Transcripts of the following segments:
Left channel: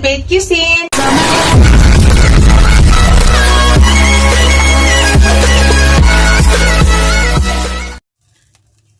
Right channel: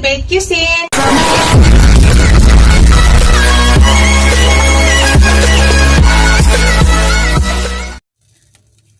Bird Cuisine!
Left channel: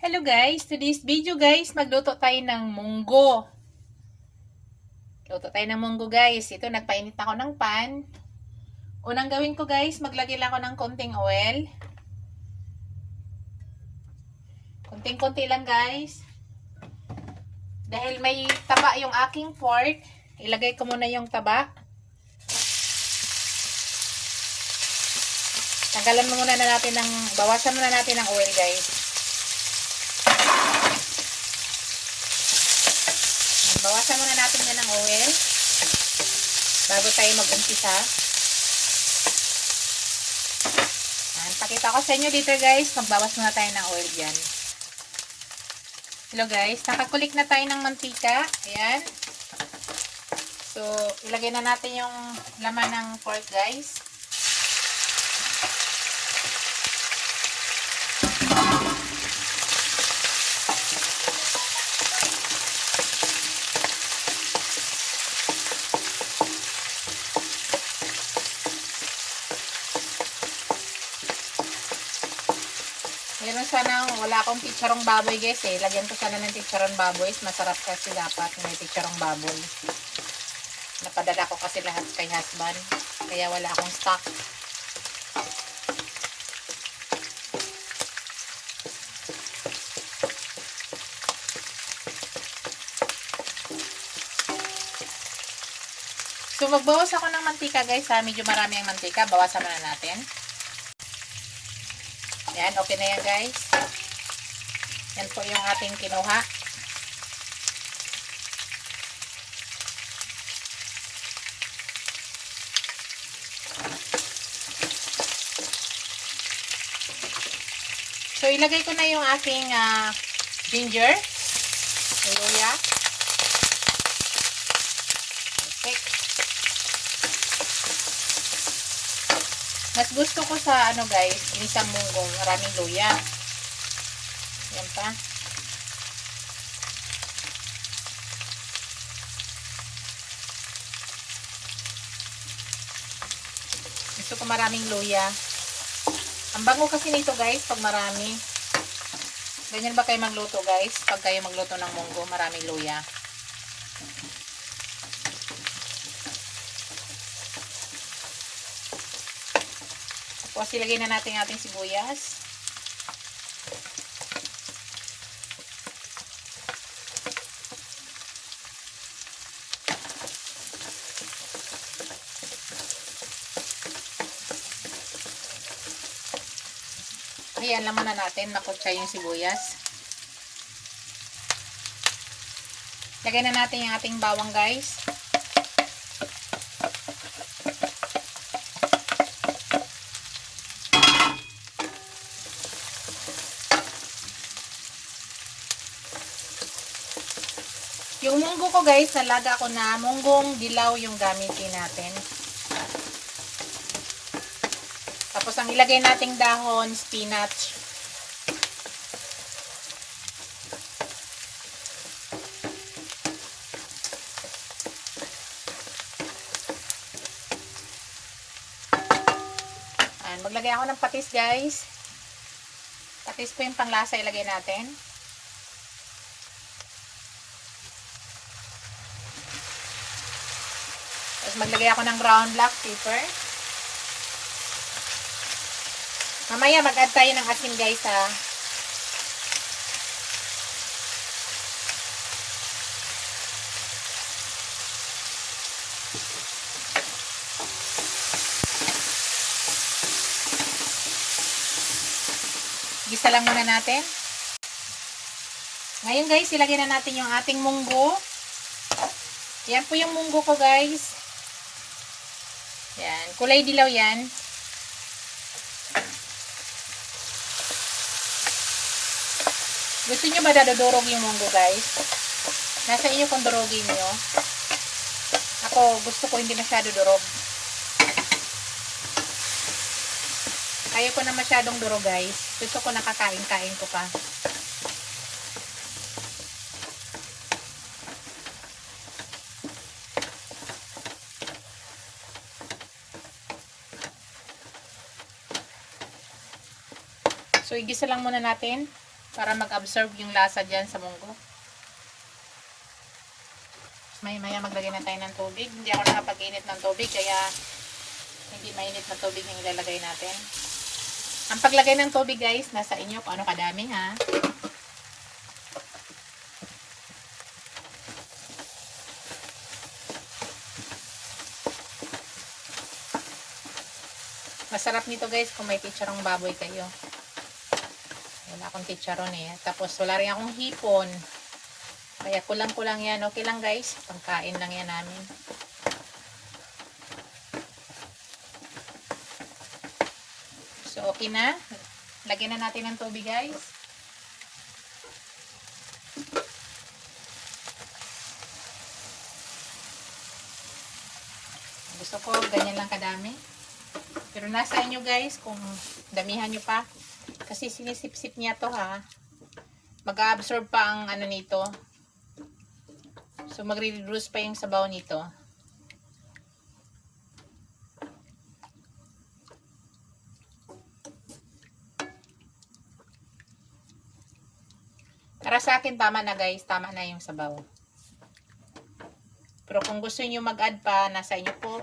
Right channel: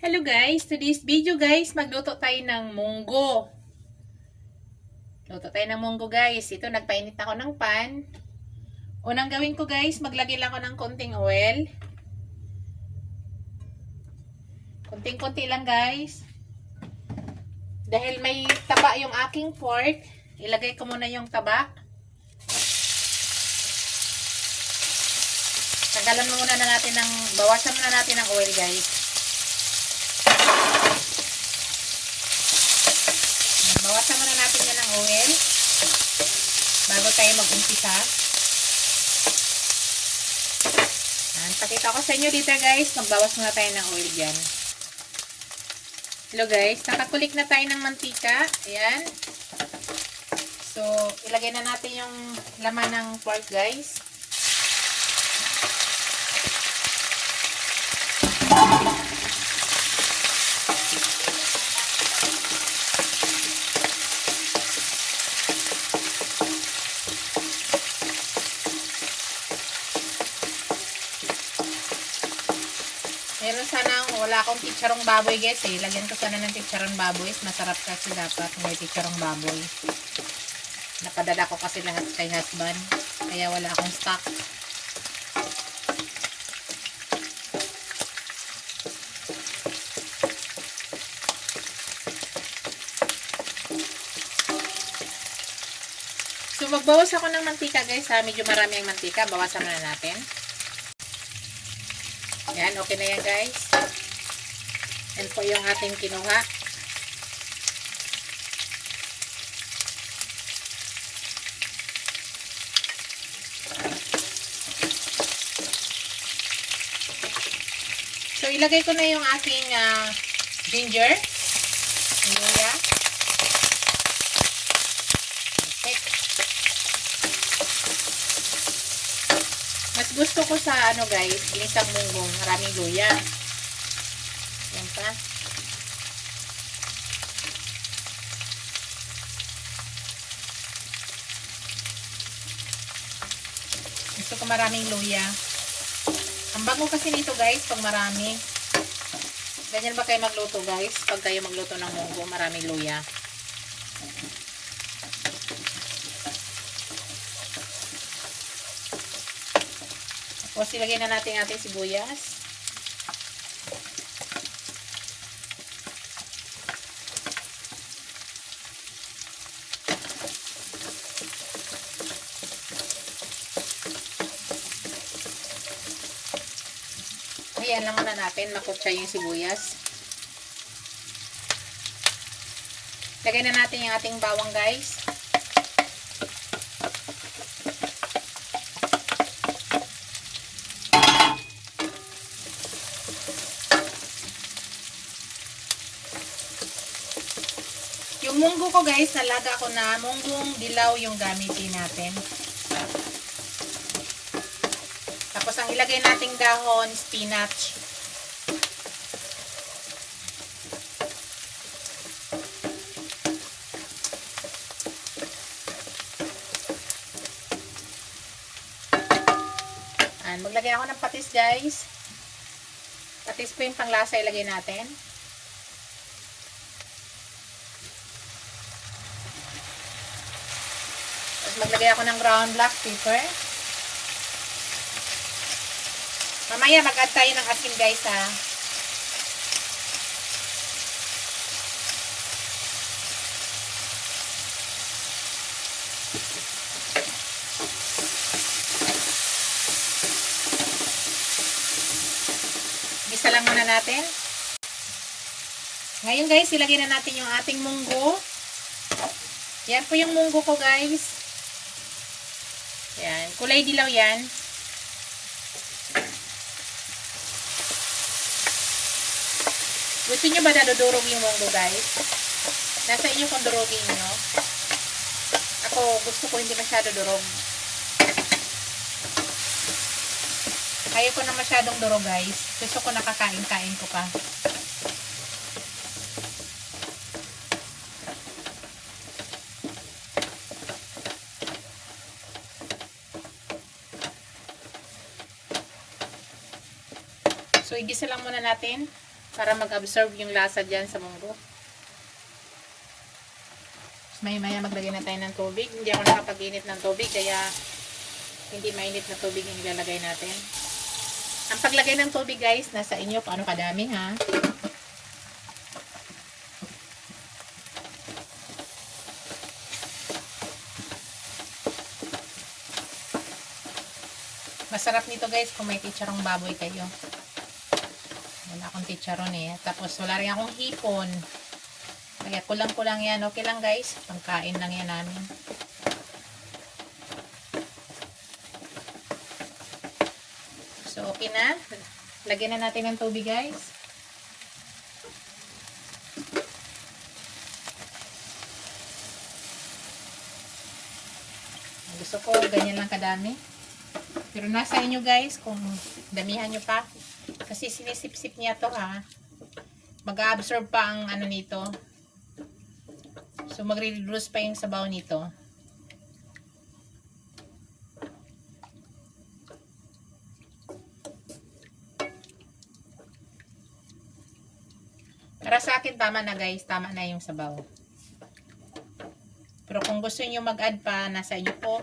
Hello guys! Today's video guys, magluto tayo ng munggo. Luto tayo ng munggo guys. Ito, nagpainit ako ng pan. Unang gawin ko guys, maglagay lang ako ng konting oil. Konting-konti lang guys. Dahil may taba yung aking pork, ilagay ko muna yung taba. Tanggalan muna natin ng, bawasan muna natin ng oil guys. Bawasan muna natin yan ng oil bago tayo mag-umpisa. Pakita ko sa inyo dito guys, magbawas muna tayo ng oil dyan. Hello guys, nakakulik na tayo ng mantika. Ayan. So, ilagay na natin yung laman ng pork guys. Meron sana, wala akong chicharong baboy guys eh. Lagyan ko sana ng chicharong baboy. Masarap kasi dapat may chicharong baboy. Napadala ko kasi lahat kay husband. Kaya wala akong stock. So magbawas ako ng mantika guys ha. Medyo marami ang mantika. Bawasan na natin. Yan, okay na yan guys. Yan po yung ating kinuha. So, ilagay ko na yung aking ginger. Luya. Okay. Mas gusto ko sa ano guys, isang munggong maraming luya. Yan pa. Gusto ko maraming luya. Ang bango kasi nito guys pag marami. Ganyan ba kayo magluto guys? Pag kayo magluto ng munggo, maraming luya. Tapos ilagay na natin ating sibuyas. Ayan lang muna natin, makutsa yung sibuyas. Lagay na natin yung ating bawang guys. Yung munggo ko guys, nalaga ko na munggong dilaw yung gamitin natin. Tapos ang ilagay nating dahon, spinach. Ayan, maglagay ako ng patis guys. Patis po yung panglasa ilagay natin. Maglagay ako ng ground black pepper. Mamaya mag-add tayo ng asin guys ha. Gisa lang muna natin. Ngayon guys, ilagay na natin yung ating munggo. Yan po yung munggo ko guys. Yan, kulay dilaw yan. Gusto nyo ba dadurog yung munggo guys? Nasa inyo kung durugin nyo. Ako gusto ko hindi masyado durog. Ayaw ko na masyadong durog guys. Gusto ko nakakain-kain ko pa. So, igisa lang muna natin para mag-absorb yung lasa dyan sa munggo. Maya-maya maglagay na tayo ng tubig. Hindi ako nakapag-init ng tubig, kaya hindi mainit na tubig yung ilalagay natin. Ang paglagay ng tubig, guys, nasa inyo kung ano kadami, ha. Masarap nito, guys, kung may chicharong baboy kayo. Wala akong chicharon eh. Tapos wala rin akong hipon. Kaya kulang-kulang yan. Okay lang, guys. Pangkain lang yan namin. So, okay na. Lagyan na natin ng tubig, guys. Gusto ko, ganyan lang kadami. Pero nasa inyo, guys, kung damihan nyo pa. Kasi sinisip-sip niya to, ha. Mag-absorb pa ang ano nito. So, magre-reduce pa yung sabaw nito. Para sa akin, tama na, guys. Tama na yung sabaw. Pero kung gusto niyo mag-add pa, nasa inyo po.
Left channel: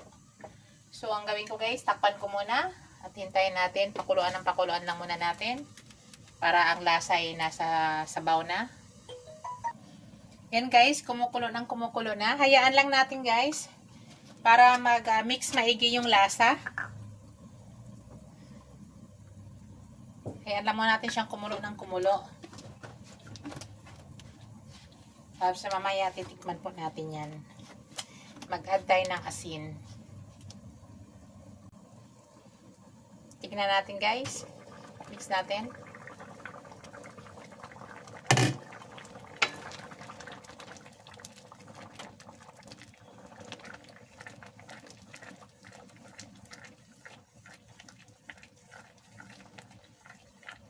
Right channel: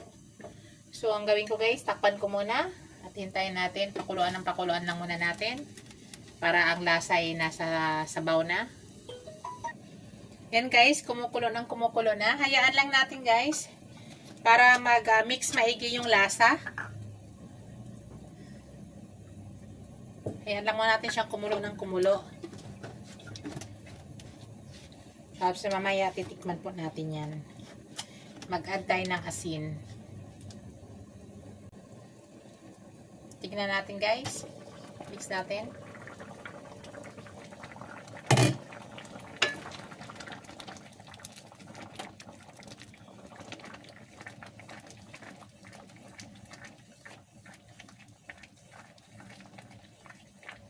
So, ang gawin ko, guys, takpan ko muna. At hintayin natin. Pakuluan ng pakuluan lang muna natin. Para ang lasa ay nasa sabaw na. Yan, guys, kumukulo na. Hayaan lang natin, guys, para mag-mix maigi yung lasa. Hayaan lang muna natin siyang kumulo ng kumulo. Tapos sa mamaya titikman po natin yan. Mag-add tayo ng asin. Tignan natin, guys. Mix natin.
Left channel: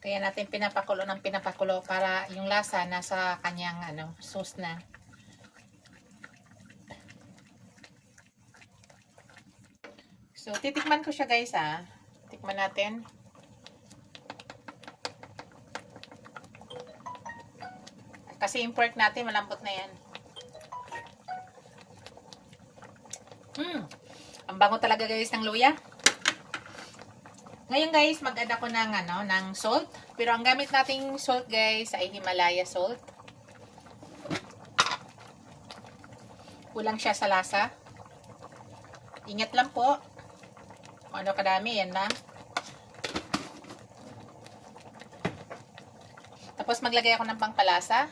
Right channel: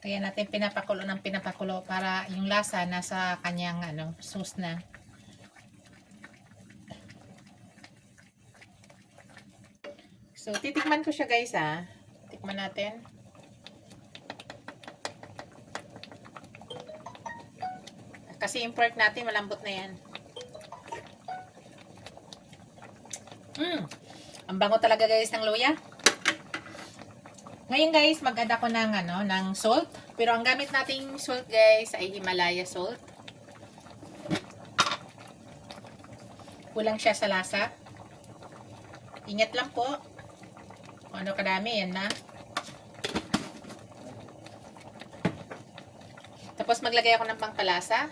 Kaya natin pinapakulo ng pinapakulo para yung lasa nasa kanyang sauce na. So, titikman ko siya, guys, ha. Tikman natin. Kasi yung pork natin, malambot na yan. Ang bango talaga, guys, ng luya. Ngayon, guys, mag-add ako ng salt. Pero ang gamit nating salt, guys, ay Himalaya salt. Kulang siya sa lasa. Ingat lang po. Kung ano kadami, yan na. Tapos maglagay ako ng pangpalasa.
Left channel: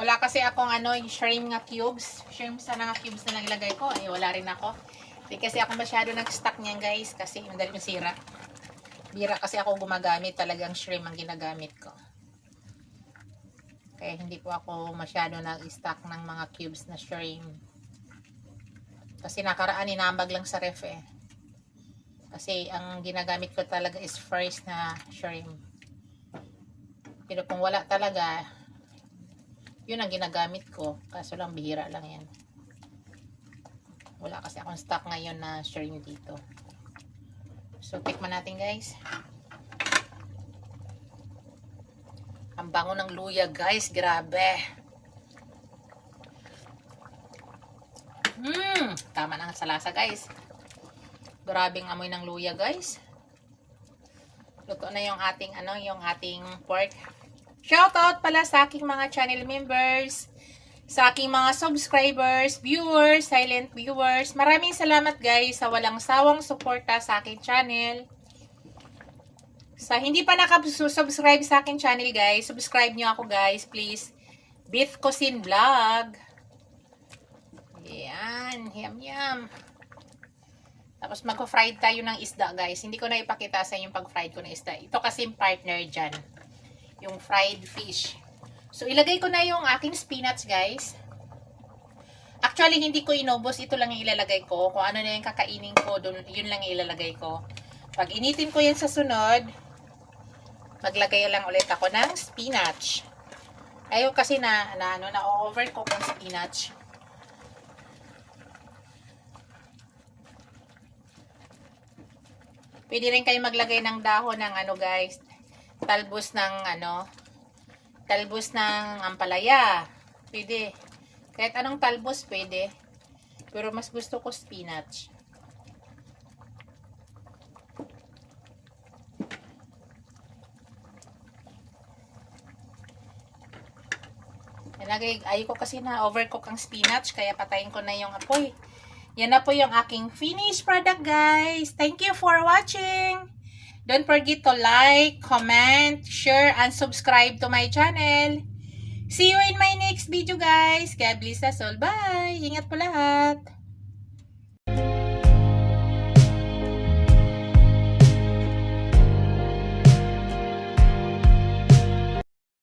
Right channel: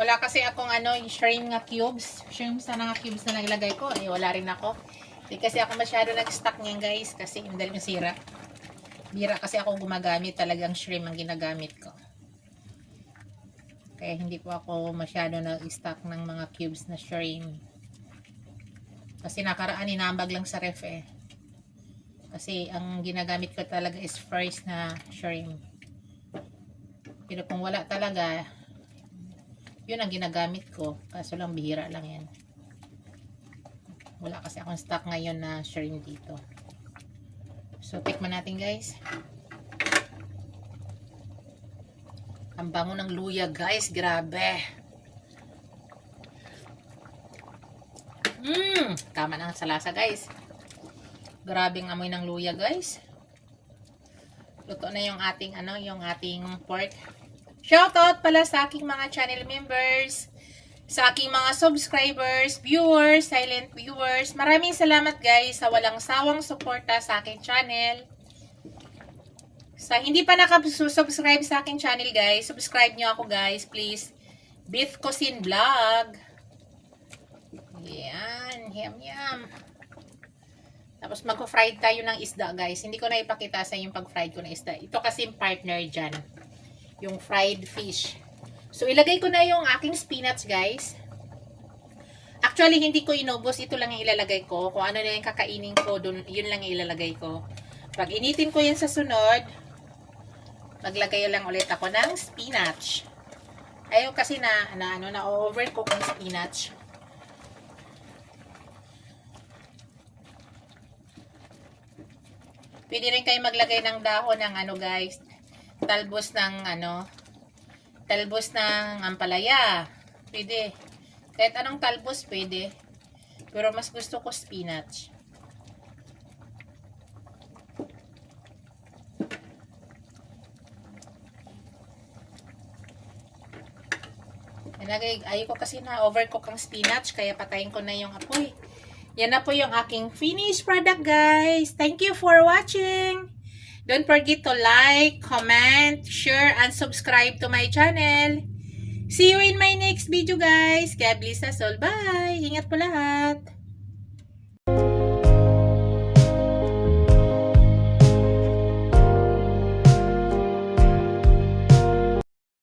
Wala kasi akong yung shrimp nga cubes. Shrimp sa nga cubes na naglagay ko. Ay, wala rin ako. Hindi kasi ako masyado nag-stock niyan, guys. Kasi yung dahil nasira. Bira kasi ako gumagamit. Talagang shrimp ang ginagamit ko. Kaya hindi po ako masyado nag-stock ng mga cubes na shrimp. Kasi nakaraan, inambag lang sa ref eh. Kasi ang ginagamit ko talaga is fresh na shrimp. Pero kung wala talaga, yun ang ginagamit ko. Kaso lang bihira lang yan. Wala kasi akong stock ngayon na shrimp dito. So, tikman natin, guys. Ang bango ng luya, guys. Grabe. Tama na sa lasa, guys. Grabing amoy ng luya, guys. Luto na yung ating yung ating pork. Shoutout pala sa aking mga channel members, sa aking mga subscribers, viewers, silent viewers. Maraming salamat, guys, sa walang sawang suporta sa aking channel. Sa hindi pa nakasubscribe sa aking channel, guys, subscribe nyo ako, guys, please. Beef Cuisine Vlog. Yan, yum. Tapos mag-fried tayo ng isda, guys. Hindi ko na ipakita sa yung pag-fried ko ng isda. Ito kasi yung partner dyan. Yung fried fish. So, ilagay ko na yung aking spinach, guys. Actually, hindi ko inubos. Ito lang yung ilalagay ko. Kung ano na yung kakainin ko, yun lang yung ilalagay ko. Pag initin ko yan sa sunod, maglagay lang ulit ako ng spinach. Ayaw kasi na-overcook yung spinach. Pwede rin kayo maglagay ng dahon ng ano guys, talbos ng talbos ng ampalaya. Pwede. Kahit anong talbos pwede. Pero mas gusto ko spinach. Ayaw ko kasi na overcook ang spinach, kaya patayin ko na yung apoy. Yan na po yung aking finished product, guys. Thank you for watching. Don't forget to like, comment, share, and subscribe to my channel. See you in my next video, guys. God bless us all. Bye! Ingat po lahat.